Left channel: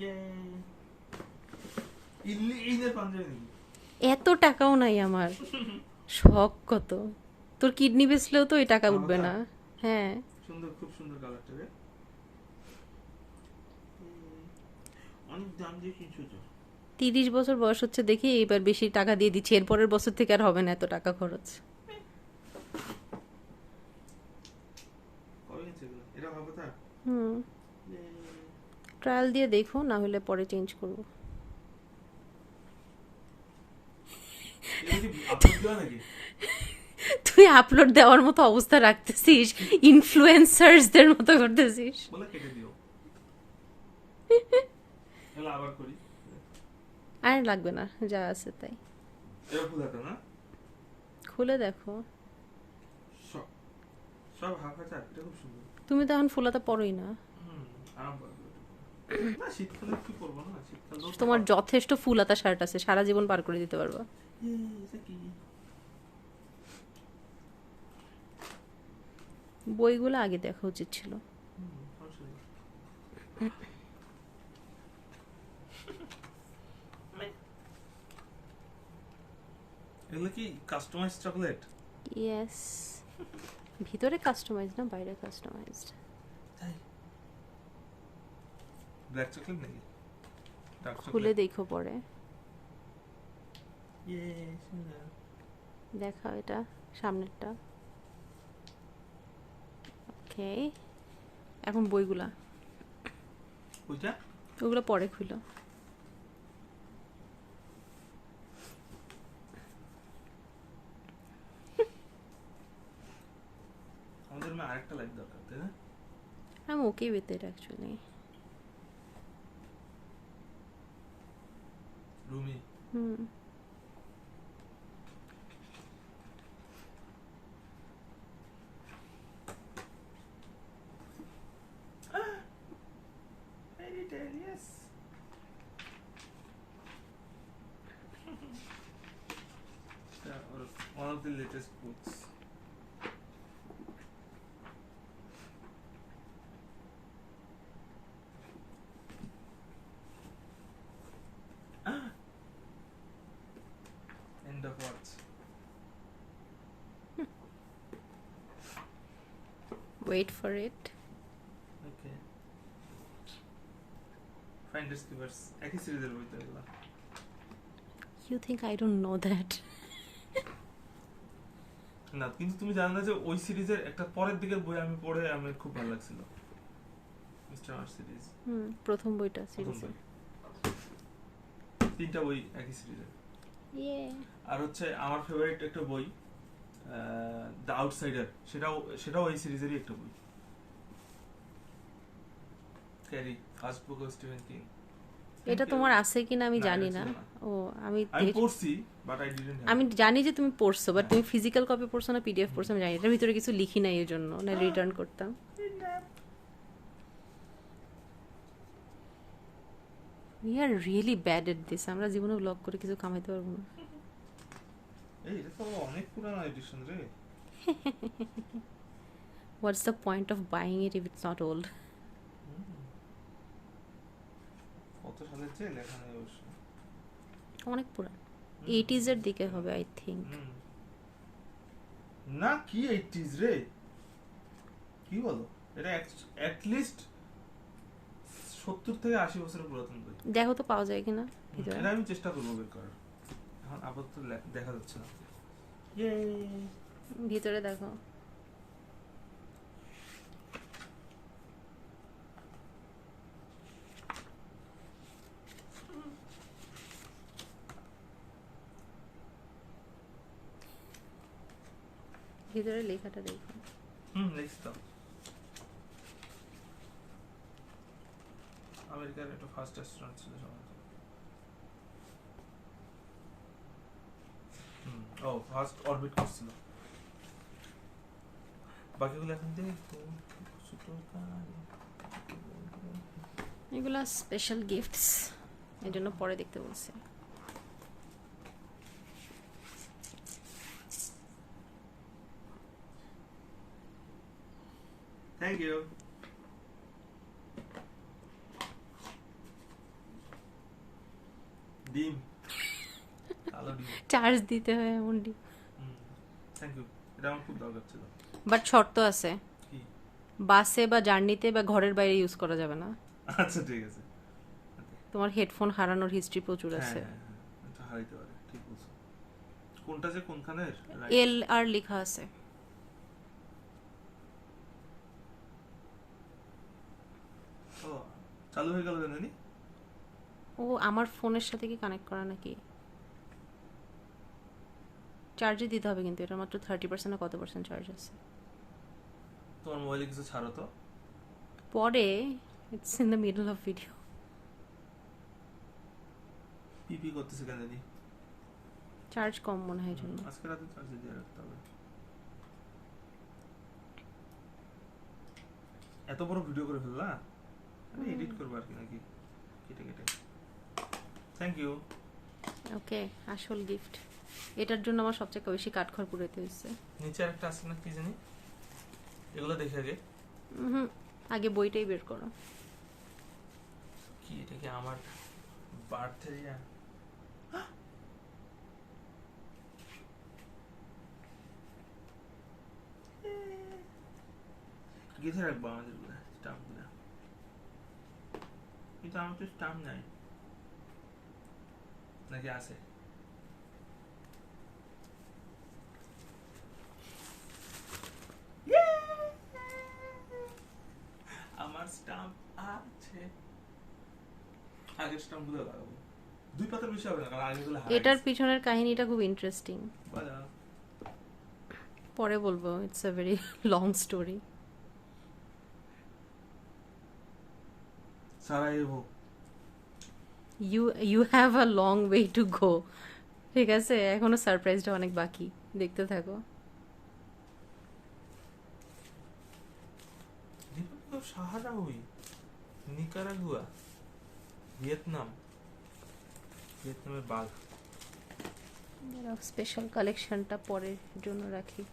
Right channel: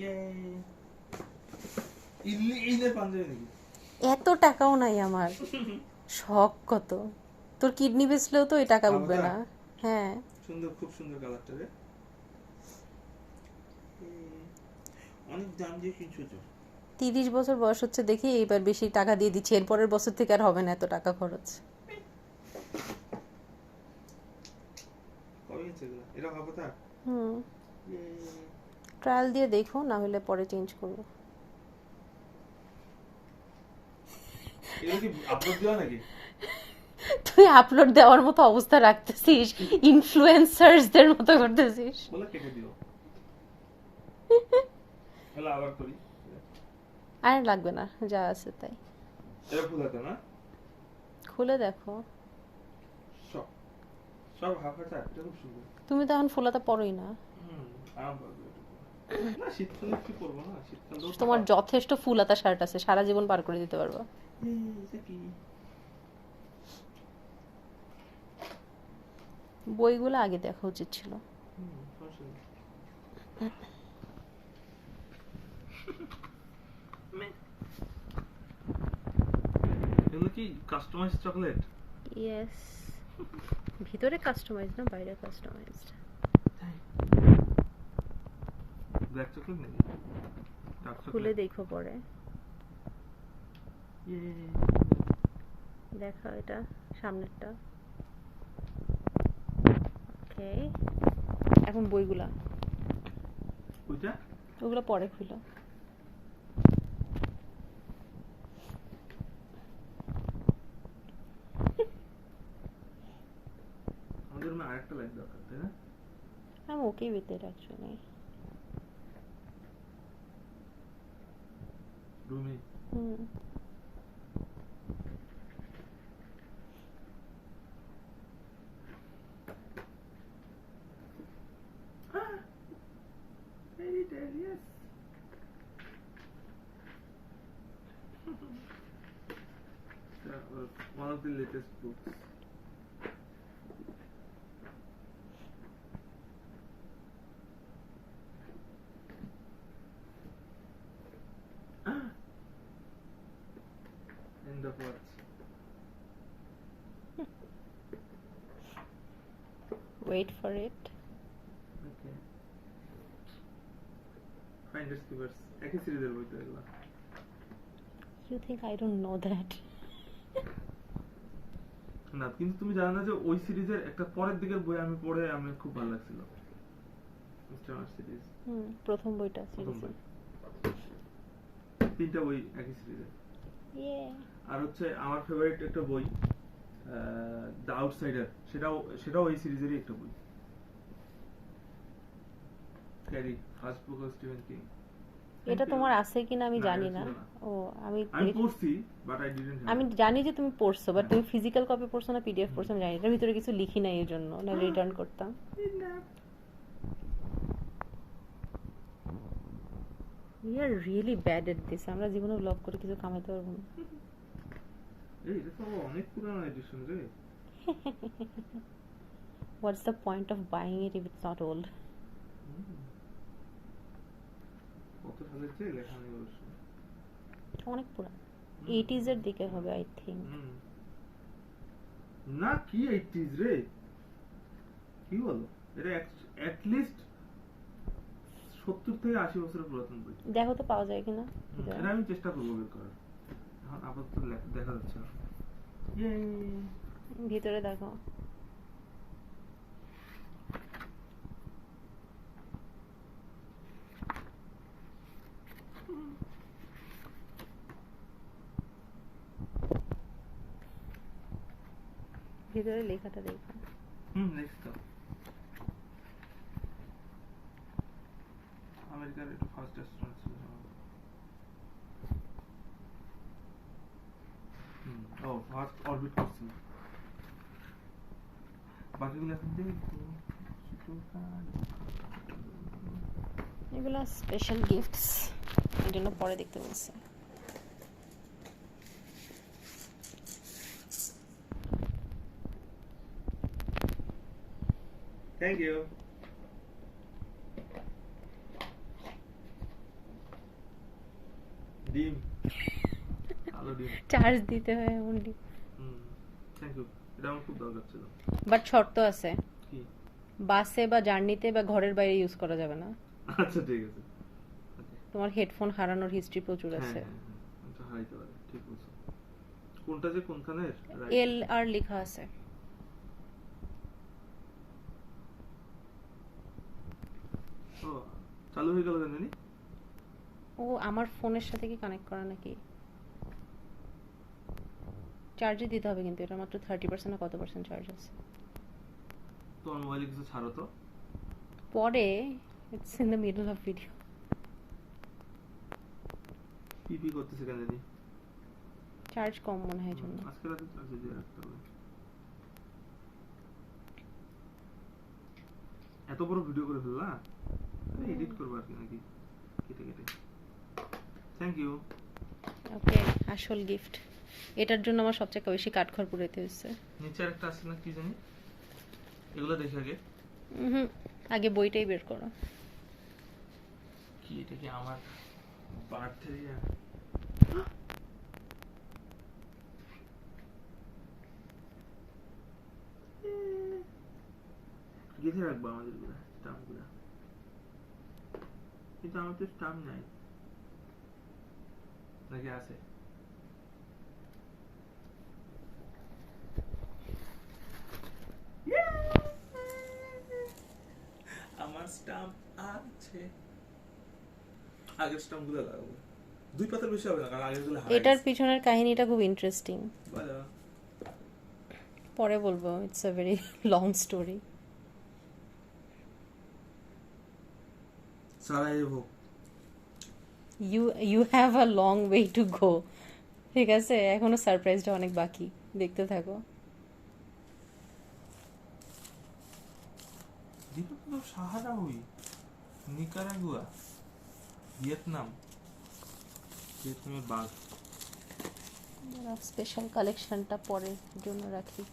ইয়ে ইল্লি ঈদের পাঞ্জাবি নাকি? এত টাকাও নাই আমার, শখ কত। তোর কিডনি বেচলেও তো ওই টাকা উঠবে না। হ্যাঁ, সুন্দর, খুব সুন্দর কালারটা রে। অনেক দাম দিয়ে কিনছো তো। 30 বছর বয়স হচ্ছে দেখি এবার বেশি টাকা দিয়ে দিচ্ছি, এরপরের বছর থেকে আর হবে না এত টাকা খরচ। কবে কিনছো এগুলো? এটা ভাবো তা। হুম, ট্রায়াল দিয়ে দেখো, না হলে পরে চেঞ্জ করবো। এগুলো কি আপলোড দেওয়া নাকি? তুই আপলোড দেওয়ার মতো অবস্থা রাখতেছিস, ইনফ্লুয়েন্সার্সদের মতো করতেছিস। বলে কেটে দিও। এগুলো আবার করি। আর লাগবে না, যা আছে তাই। এটা ভুল হতো না। খুলে দেখো। সব সব হাফ হাতা, এটা খুব সুন্দর। তুমি তো এখন ফুলাতা পরোই না। আরাম পাবে না, শীতকালে কি করবো না, শীতকালেও তো তোমার যথেষ্ট ফুলাতা শার্ট আছে, সারা জীবন পার করে দিতে পারবা। এটা কি? বইগুলো আগে দেখা উচিত ছিল। সমস্যা নেই। এগুলো কি কাস্টমাইজ চকলেট? ইয়েস, ভিতরে কাস্টমাইজ না, বাইরে কাস্টমাইজড। ব্ল্যাক চকলেট নাকি? ডার্ক খুলে চকলেট? দেখো পরে। ইয়ে দেখা এটা সামনেরটা। ওকে, এখন বইগুলা, ওইটা ওগুলো পরে খুলো। আমাদের রুমে আরেকটা লাইট দরকার, তাই না? I'm okay with it actually. Rumi hmm, fairy tale, yes. Yeah, well, one of the latest books. End of what? wait for it. Okay. Finders Keepers একই সিরিজের বই তো এগুলো। You think I don't know that? না, কিন্তু তুমি জানো না যে ওই সিরিজের একটা পরের দিকের বই আমি পড়ে আমার খুব ভালো লাগছিল। মিস্টার মার্স সিরিজ হুম, প্রথম বইটা প্রথম সিরিজে। বই, তিনটা বই একই সিরিজের। ইয়ে, আর হচ্ছে আমার ফেভারিট একটা বই দ্য আউটসাইডার, সেটাও এই সিরিজেরই একটা বই। Carry, first book of Stephen king. এটা তোমার আছে কিনা আমি না, জানি এটা না। ছিল না। ও, আমি আমি পড়ছি বাট আই ডিডন্ট আমি জানি যে তুমি পড়ছো, বাট তুমি ফিজিক্যাল কপি পড়ছো না পিডিএফ পড়ছো আমি জানি। এটার ভিতরে কিছু লিখি নাই, এই জন্য না রিটার্ন করতাম। We are really bad at this. আমরা জীবনে ব্লগ করে কিছু কামাইতে পারবো না। এই এটা তো অনেক পুরানো এডিশন রে। What's the point of buying it if it's not old? কত সালের যে লেখা নেই অবশ্য। অনেক পুরান, 80s এর দিকে হবে আই থিঙ্ক। না, কি 80s রে, কি বলো? এটা অ্যাট লিস্ট 70 থেকে 80 বছরের পুরাতন বই। দেখো তো পাওয়া যায় কিনা ভিতরে। এটা আমি চেষ্টা করবো বের করার। এখন আপাতত দেখা যাচ্ছে না। ভিতরে দেখো। ভিতরে লেখাটা দেখো। লিখছি তো। আমেরিকার একটা ফার্স্ট অ্যাস্ট্রোনট ছিল সম্ভবত। ও ফার্স্ট অরবিট করছিল। বাকিগুলো এখন দেখো। এগুলো স্পেশাল গিফটস, এই জন্য পরে দেখতে বলছে। Thank you. ডিম কালো ডিম। চার্জ দিতে হয় এমন ডিম। থ্যাংক ইউ, এটা আমার খুব দরকার ছিল। বাট শর্ত আছে, কি? বাসে বা জার্নিতে বা ঘরের বাইরে ইউজ করা যাবে না। আচ্ছা ঠিক আছে। তোমার হেডফোন হারানোর হিস্ট্রি প্রচুর হ্যাঁ আছে। হ্যাঁ হ্যাঁ, আচ্ছা হারাইতে পারে, ঠিক বলছো। কোনটা যে কোনখানে? এল আর লেখা আছে। ও চালু হয়ে গেল জানি। ও আমার ফোনের সাথে কি কানেক্ট করা নাকি? চার্জে দিতে হবে কিন্তু এটা মাত্র 30% না কত পার্সেন্ট চার্জ আছে। তোমার মোবাইলে কিছু ছাড়ো তো। পরে it's in the middle of video. পিপি করতেছে কেন জানি। চার্জ কম মনে হয় জন্য। আজকে রাতে চার্জে দিয়ে রাখতে হবে। এত বড় ভিডিও করে ফেললা, এডিট করবো আর কি নাকি কেটে কেটে। Thank you. ওকে, আসল গিফট। এটার জন্য আমার সবচেয়ে বেশি কাঠখড় পুরাইতে হয়েছে। নিচে একটা আছে না কি জানি, এগুলো দেখে আগে। আগে বইটাই বের করো। কি এটা কি আমার বার্থডে ইয়া? গেঁথে রাখবো আমাদের গুলা স্টাম্প গুলা, কিন্তু আমার তো স্টাম্প নাই, নাকি আছে? আমার স্টাম্প আছে, আগের স্টাম্প গুলো লাগাবো। দুই পাতার বেশি হবে না, কারণ আগের গুলো এটার পিছনের কাহিনীটা খুব ইন্টারেস্টিং, বলো। পরে বলবো। It's a very long story. Sarajevo. You have a long way to go. ঠিক আছে, এখনো সারপ্রাইজটা অনেক বাকি, দেখতে থাকো। সাহারা হুই, নিকারাগুয়া, ভিয়েতনাম, ভিয়েতনামের বাঘ। স্পেশাল কালেকশনটা পরের জন্য রাখি,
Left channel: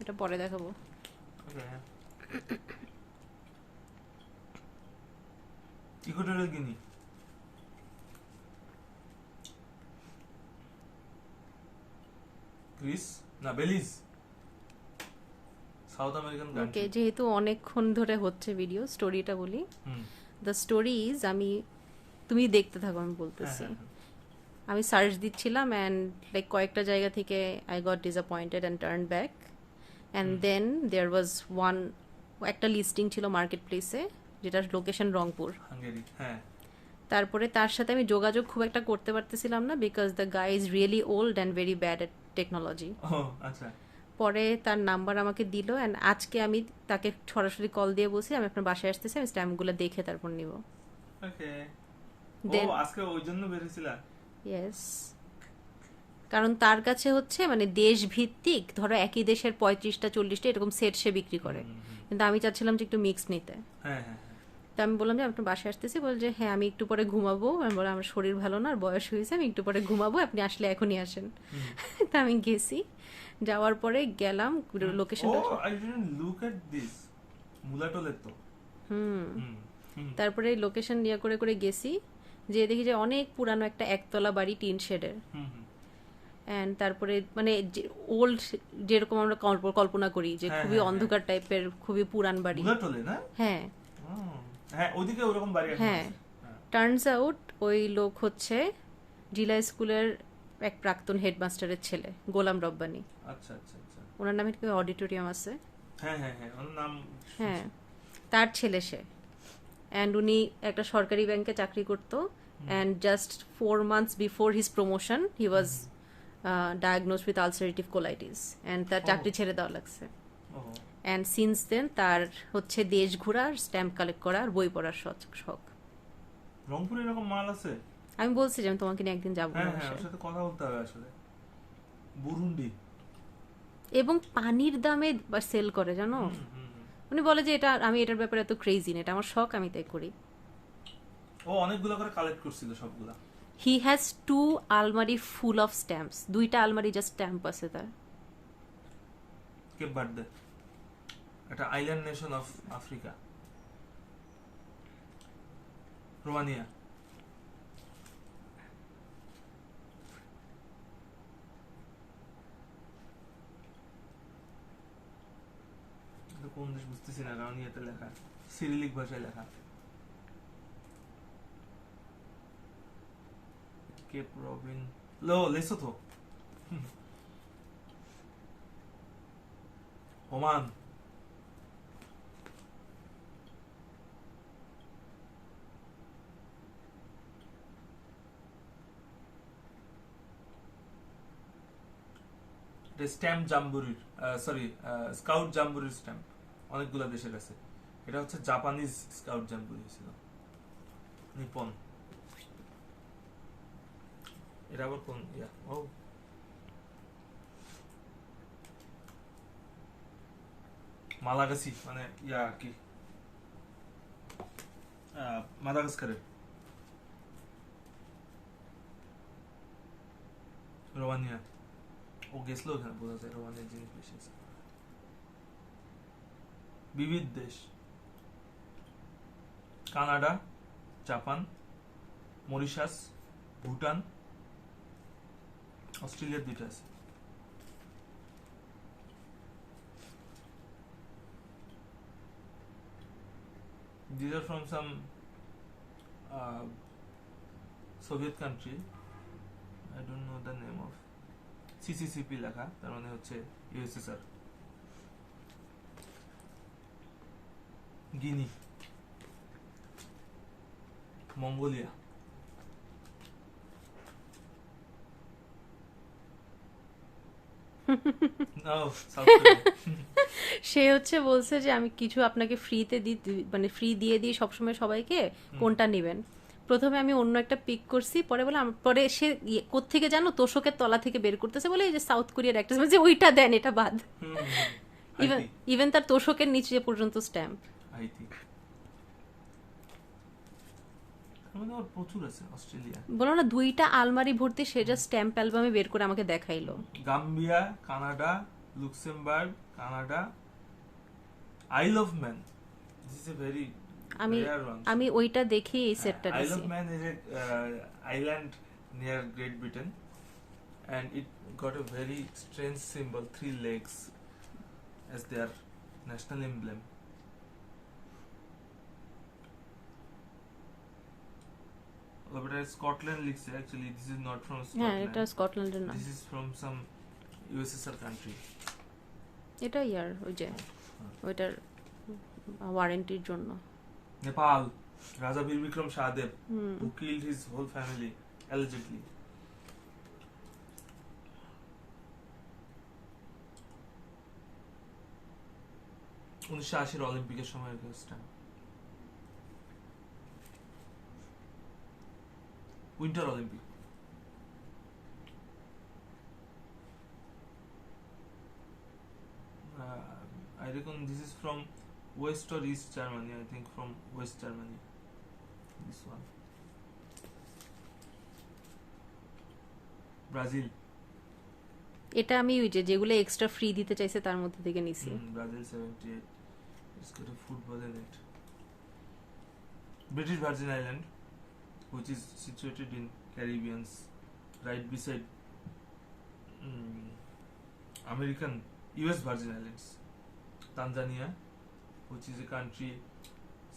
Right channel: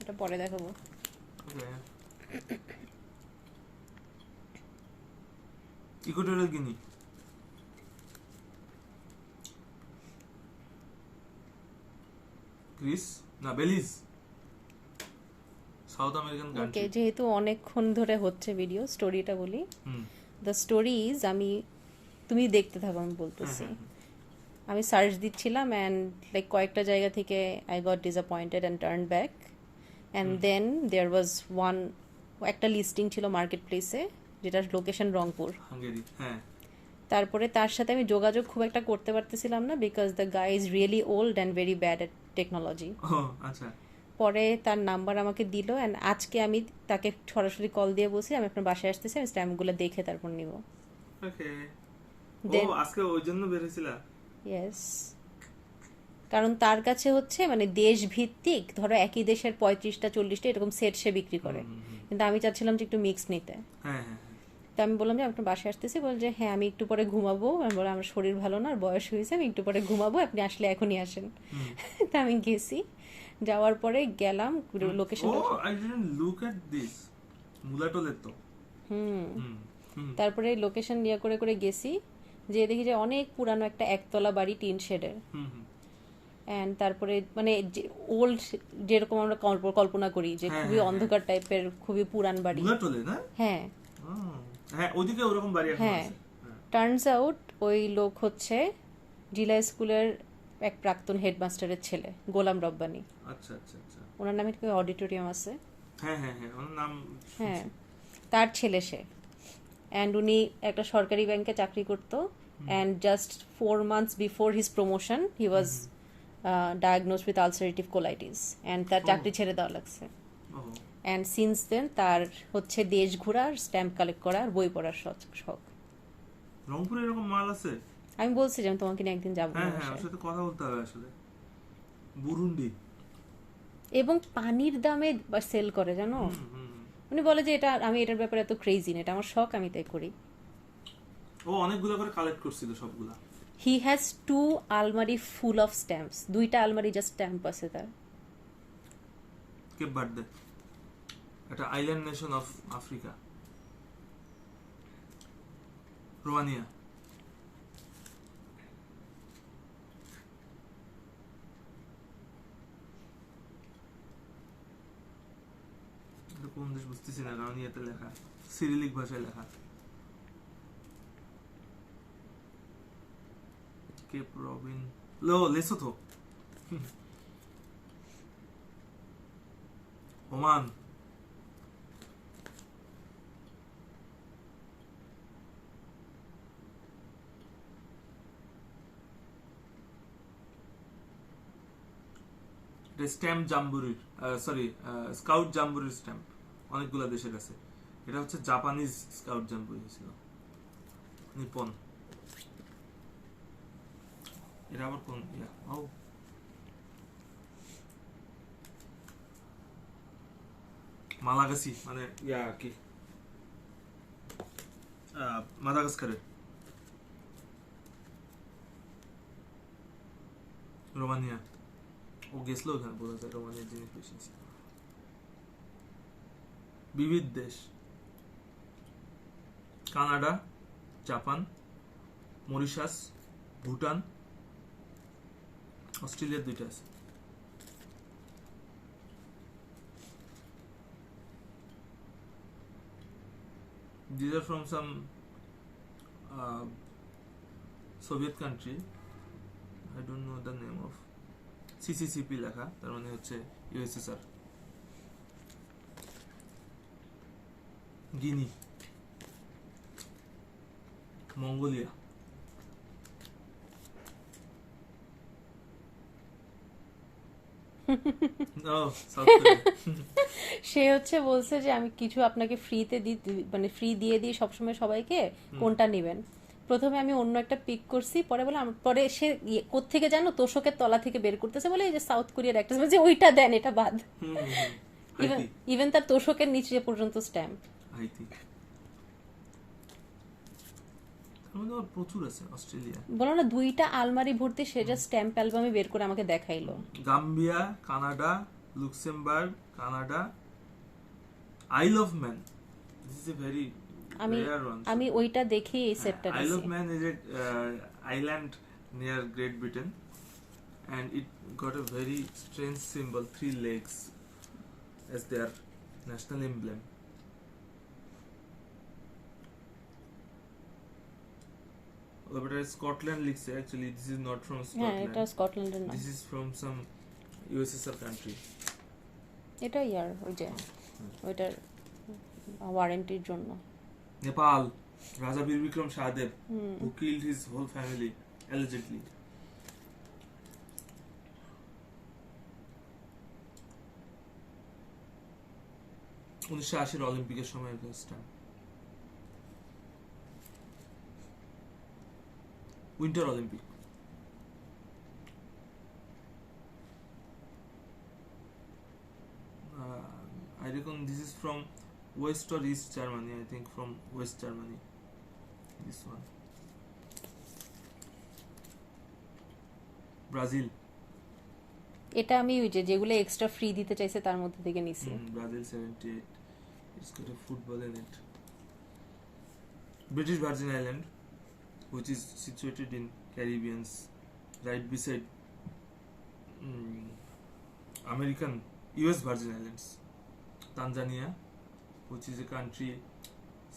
এটা পরে দেখাবো। ইকুয়েটরিয়াল গিনি, গ্রিস না বেলিজ, সাউথ আমেরিকান ওকে, কান্ট্রি। যেহেতু অনেকক্ষণ ধরে হচ্ছে ভিডিও, স্টোরিটা বলি। দ্য স্টোরি ইজ, তুমি দেখতে থাকো, আমি বলতেছি। আমি সার্চ দিচ্ছিলাম অ্যান্ড লাইক কয়েকটা জায়গা থেকে I got disappointed and turn back, and then there was one, একটা লিস্টিং ছিল মার্কেট প্লেসে যেটার লোকেশন রংপুর। হাঙ্গেরি, হ্যাঁ। তারপরে তার সাথে আমি যোগাযোগ খুব একটা করতে পারতেছিলাম না, because the guy is really old and very bad at technology. ও আচ্ছা। পরে তার নাম্বার আমাকে দিল, অ্যান্ড আজকে আমি তাকে সরাসরি কল দিয়ে বলছি আমি আপনার বাসায় আসতেছি, আমি স্ট্যাম্পগুলো দেখে তারপর নিব। ওকে। Then, ও আজকে ওই জন্য বের হইছিলা? ইয়েস, কারণ তার কাছে হচ্ছে মানে দেশ ভিত্তিক, ধরো একই দেশের 35টা 40টা এরকম সেট সে বিক্রি করে, কিন্তু আমি চাচ্ছিলাম যে একটু মিক্স নিতে। হ্যাঁ হ্যাঁ। তো আমি বললাম যে আপনার বাসায় আসতেছি, বল যে হ্যাঁ আমি একটু পরে ঘুমাবো। আমি বললাম আমার শরীর ভালো না, আর বয়স হয়েছে, আমি একটু পরে ঘুমাবো, আপনি আসলে এখনই আসেন। তা আমি গেছি, যাওয়ার পরে গেলাম লোকেশনটা। ও I didn't look at this মুলাটোলের তো। তারপরে লোকেশন ইয়া করে করে গেছি, যে দেখি যে অনেক পুরানো একটা একতলা বাড়ি, টিন শেডের। অ্যান্ড তারপরে মানে ওল্ড যেরকম আমরা কল্পনা করি যে খুবই অন্ধকার টাইপের, খুবই পুরান বাড়ি। মুলাটোলে না? হ্যাঁ হ্যাঁ, ওইদিকে ওরকম বাড়ি এখন হ্যাঁ। আছে। টার্নস আউট ওই লোক হচ্ছে জিলা স্কুলের এক প্রাক্তন হেডমাস্টারের ছেলে, গোলাম রব্বানী। আচ্ছা আচ্ছা আচ্ছা। ওনার নামে একটা অডিটোরিয়াম আছে। হ্যাঁ হ্যাঁ হ্যাঁ, ওর নাম হ্যাঁ, তার ছেলে সে। অ্যান্ড উনি একটা সরকারি ব্যাংকে চাকরি করতো, and just 4 months before his promotion he was ডায়াগনোজড with ulcerative colitis, and তার চাকরি ছেড়ে দেওয়া লাগছে। অ্যান্ড সিন্স দেন তার হচ্ছে দেশ ঘোরার, স্ট্যাম্প কালেক্ট করার, বই পড়ার শখ। রংপুরে এরকম মাল আছে? আমি বলছি যে আমি তোমাকে নিয়ে একদিন যাবো। হ্যাঁ হ্যাঁ, ওর সাথে কথা বলতে হবে আসলে। বুরুন্ডি। এবং পানির দামে সেল করে, জানো। উনি বলে যে এটা, আমি এটার ব্যাপারে এত ক্রেজি না, এটা আমার শখ, আমি তাই করি। ও অনেকগুলো করে কালেক্ট করছিল সবগুলা। হি হ্যাজ 2 আলমারি ফুল অফ স্ট্যাম্পস, 2টা আলমারি জাস্ট স্ট্যাম্প আছে তার। কেপ ভার্দে, একটা island nation of Africa. Romania. কোন দেশ বুঝতেছি না, কারণ ইয়েতে লেখা, সিরিলিক ভাষায় লেখা। কে প্রবলেম লেসোথো, ওমান, স্ট্যাম্প জাম্বুরির, সরি স্কাউট জাম্বুরির স্ট্যাম্প অনেকগুলো দেশের কাছে। এটা হচ্ছে জাপানিজ স্কাউট জাম্বুরি ছিল, নিপন। এটা আবার কোন ও মালাগাসি, মানে আর কি মাদাগাস্কারে। রোমানিয়া, ও গেছিল ওখানে, বোঝা যায় রোমানিয়ার জিনিস বেশি আছে। বিবিধ দেশ, কানাডা, জাপান, মরিশাস, ভুটান, অস্ট্রেলিয়ার 2টা আছে। These are from some Soviet country. I don't know the name of. CCCP লেখা, তার মানে হচ্ছে USSR। গিনি, মঙ্গোলিয়া, সে হচ্ছে বলছে যে আমি কিছু আপনাকে ফ্রিতে দিই, মানে ফ্রি দিয়ে দিই সবসময় সবাইকে, কোনটা নেবেন। প্রথমে আমি অন্য একটা পিক করছি, পরে বলে পরে সে কোত্থেকে জানো তোষকের তলা থেকে বের করতেছে, বলে এই যে সাউথ কোরিয়ার একটা, যে ওইটা দেন, এটা বাদ। ইভেন তার তোষকের নিচে পর্যন্ত স্ট্যাম্প। প্রচুর আছে অস্ট্রেলিয়া, বলো না 2টা আলমারি ভর্তি সে যা স্ট্যাম্প অ্যালবামে বের করে আমাকে দেখাইলো। গাম্বিয়া, কানাডা, লুক্সেমবার্গ, কানাডা, আইল of man. This is a very rare one. আমি ওইটা দেখে এই সেটটা দিছি। আইল of man is a island near great Britain, and it got a very strange symbol, 3 legs, as their national emblem. But Scotland লিখছে, actually this is not from Scotland. হ্যাঁ, এটা স্কটল্যান্ডের না, This is from some USSR country. এটা ইয়ার ওই যে ওইটার ওয়ারেন্টির জন্য। নেপাল, রাজা বীর Vikram শাহদেব, who killed his whole family allegedly. অলিম্পিকের সময় winter Olympic. I reckon this is from West or East Germany. I think from West Germany. This one. Brazil. এটা আমি ওই যে যেগুলো এক্সট্রা ফ্রি দিতে চাইছে তার মধ্যে থেকে নিছি। Brazil 78. It's got a football in it. British Virgin Island, which is situated in Caribbean, right beside American US Virgin Islands. Tanzania, which is a country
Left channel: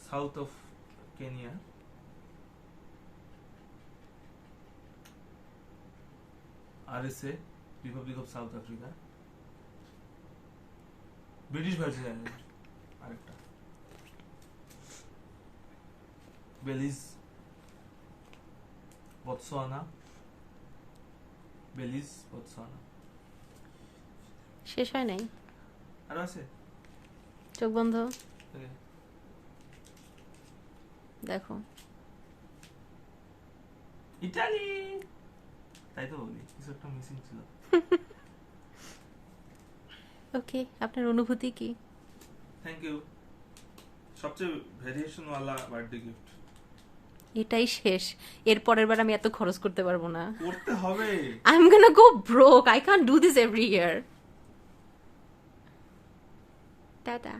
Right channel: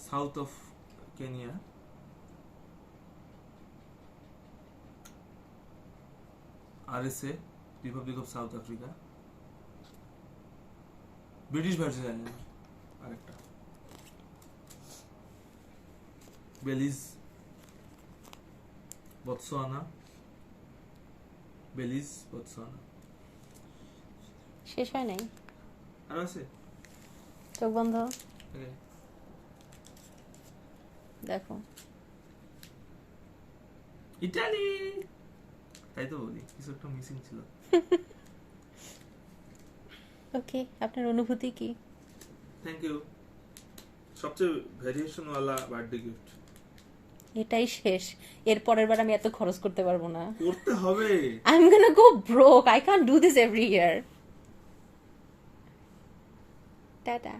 south of Kenya. RSA, Republic of South Africa. British Virgin Island, আরেকটা। Belize, Botswana, Belize, Botswana. শেষ হয় নাই, আর আছে? চোখ বন্ধ, দেখো। Italy, তাই তো বলি, কিছু একটা মিসিং ছিল। ওকে, আপনার অনুভূতি কি? Thank you. সবচেয়ে ভেরিয়েশন ওয়ালা বার্থডে গিফট। এটাই শেষ, এর পরের বার আমি এত খরচ করতে পারবো না। করতে হবে। I am gonna go broke, I can't do this every year. Tata.